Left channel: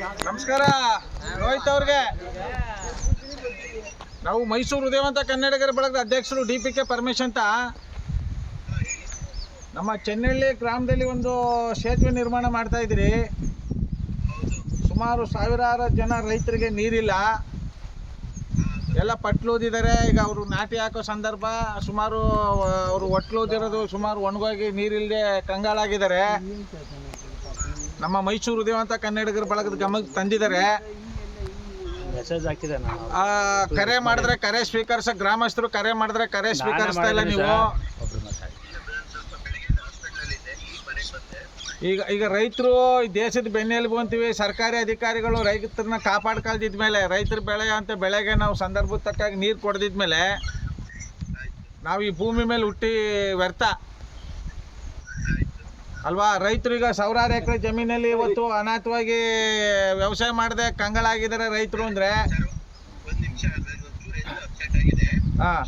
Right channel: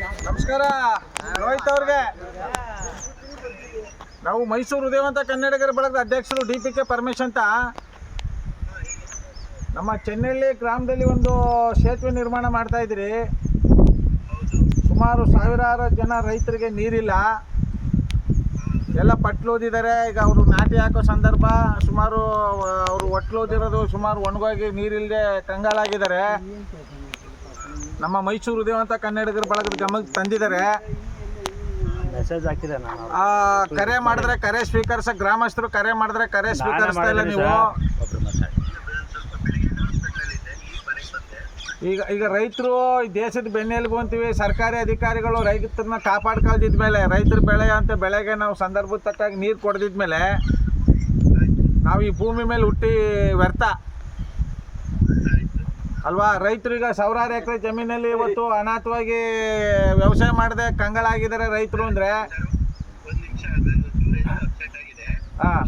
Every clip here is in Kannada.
ನಮಸ್ಕಾರ ರೋಹಿತ್ ಅವ್ರಿಗೆ. ನಾವು ಮೈಸೂರು ಉದಯವಂತ ಕನ್ನಡಿಗರ ಬಳಗದ ಅಧ್ಯಕ್ಷರು DPK ಪರಮೇಶ್ ಅಂತ. ನಮ್ಮ ಚೆನ್ನಳ್ಳಿ ಗ್ರಾಮದಲ್ಲಿ ಒಂದು ಸೇತುವೆ ನಿರ್ಮಾಣ ಮಾಡ್ತಾ ಇದ್ದೀರಿ. ಸುಮಾರು ಸಾವಿರಾರು ಜನ ರೈತರಿಗೆ ನೀರಿಲ್ಲ, ಎಲ್ಲ ಪಟ್ಲೂದಿದ್ದಾರೆ. ಈಗ ಅವರು ನಾಟಿ ಹಾಕೋ ಸಂದರ್ಭ, ಸುಮಾರು ಅವರು ಒಟ್ಲೂದಿರೋದು ಸುಮಾರು ಒಣಗೋಗಿ ನೀರಿಲ್ಲದೆ ಕಂಗಾಲಾಗಿದ್ದಾರೆ. ನಮ್ಮ ಮೈಸೂರು ಉದಯವಂತ ಕನ್ನಡಿಗರ ಬಳಗದ ಗಮನಕ್ಕೆ ತಂದಿದ್ದಾರೆ. ಮೆಸೇಜ್ ಹಾಕಿದೆ ಕರೆ ಮಾಡಿದ್ರೆ ಕರೆ ಸ್ವೀಕರಿಸ, ಗ್ರಾಮಸ್ಥರು ಕರೆ ಮಾಡಿದ್ರೆ ಕರೆ ಸ್ವೀಕರಿಸ್ತಾ ಇಲ್ಲ ನೀವು. ಈಗ ರೈತರು ದೇಶದ ಬೆನ್ನೆಲುಬು ಅಂತೀವಿ. ಸರ್ಕಾರಿ ಅಧಿಕಾರಿಗಳು ರೈತರನ್ನ ಕಾಪಾಡ್ಕೊಳ್ದಿದ್ಮೇಲೆ, ರೈತರ ಬೆಳೆಗೆ ನಾವು ಸಂದರ್ಭದ ತಕ್ಕಾಗಿ ನೀರು ಕೊಡದಿದ್ಮೇಲೆ ನಾವು ಈ ಭೂಮಿ ಮೇಲೆ ಹುಟ್ಟಿ ವ್ಯರ್ಥ ಅಲ್ವಾ? ರೈತರು ಈಗ ಸಾವಿರಾರು ಎಕರೆ ಜಮೀನಲ್ಲಿ ಇವತ್ತು ಅನಾಥವಾಗಿ ವ್ಯವಸಾಯ ಮಾಡದೆ ಕಂಗಾಲಾಗಿದ್ದಾರೆ ರೈತರು. ಅಂದರೆ ಹಾಂ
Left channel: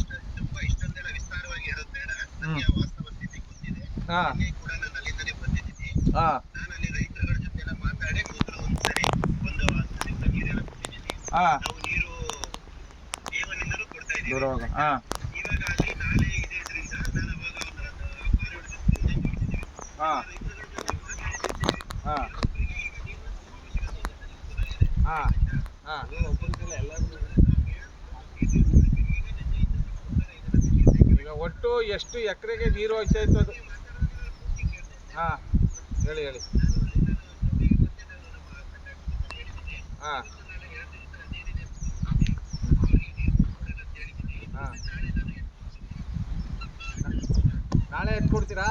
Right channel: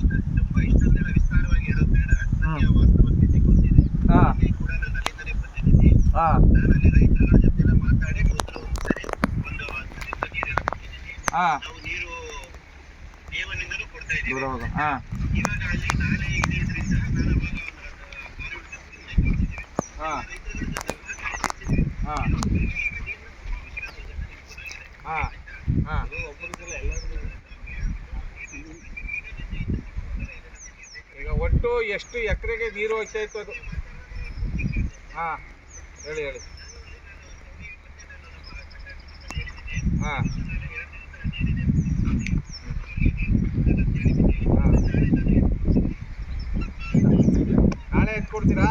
ಹಾಂ ಹಾಂ ಹಾಂ ಹಾಂ ಹಾಂ ಹಾಂ ಹಾಂ ಹಾಂ ಈಗ ಒಟ್ಟು ಎಷ್ಟು ಎಕರೆಗೆ ನೀರು ಹೋಗ್ತಾ ಇತ್ತು ಅದು? ಹಾಂ ಹೇಳಿ ಹಾಂ ಹಾಂ ನಾಳೆ ಎತ್ಕೊಡ್ತೀರಾ?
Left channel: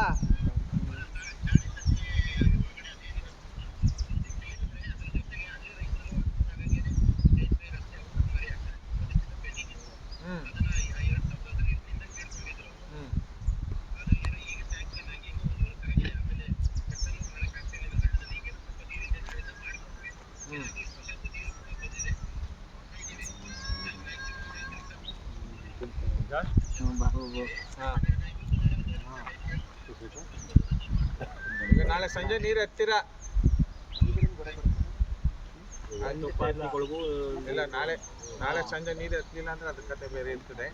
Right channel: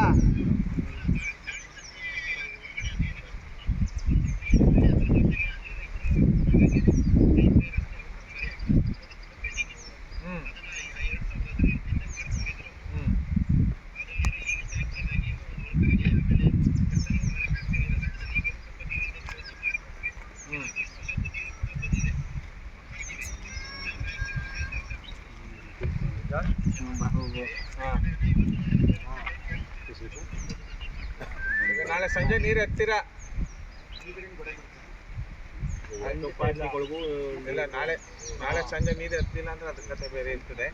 ಈಗ ನಾಳೆ ಸಂಜೆ ನೀರು ಎತ್ತೀರಾ? ಇಲ್ಲ, ನಾಳೆ ಸಂಜೆ ನೀರು ಎತ್ತಿಲ್ಲ ಅಂದ್ರೆ ಅದ್ರ ಕತೆ ಬೇರೆ ಇರ್ತದೆ.